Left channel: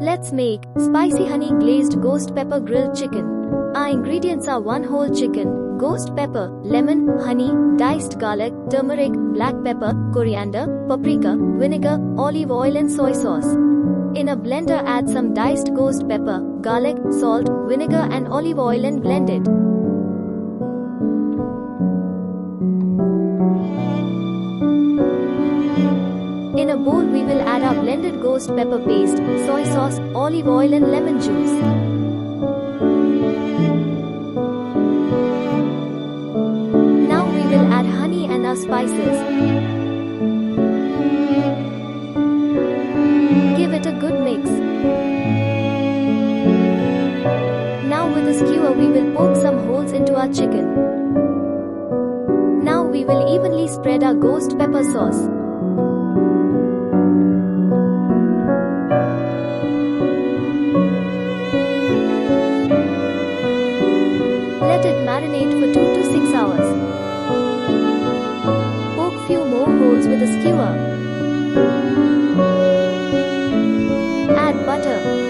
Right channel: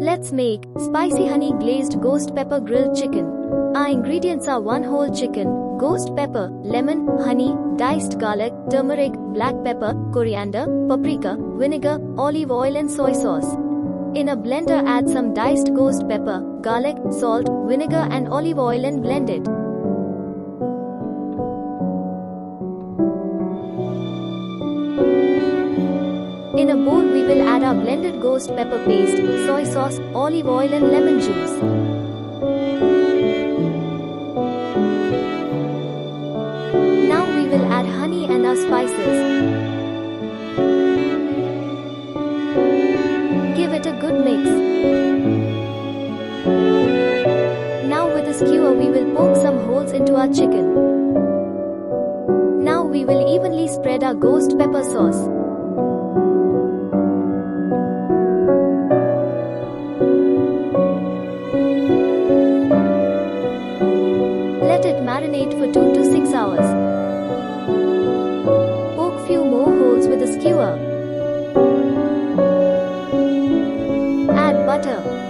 Let's make spicy honey glazed ghost pepper grilled chicken. Our ingredients are 1 whole chicken, ghost pepper, lemon, honey, diced garlic, turmeric, black pepper, coriander, paprika, vinegar, olive oil and soy sauce. In a blender add some diced ghost pepper, garlic, salt, vinegar and olive oil and blend it. In a bowl we will add our blended ghost pepper paste, soy sauce, olive oil and lemon juice. Now we will add honey and our spices. Give it a good mix. Now with a skewer we will poke some holes into our chicken. Now we will evenly spread our ghost pepper sauce. Let it marinate for 2 to 6 hours. Poke few more holes with a skewer. Add butter.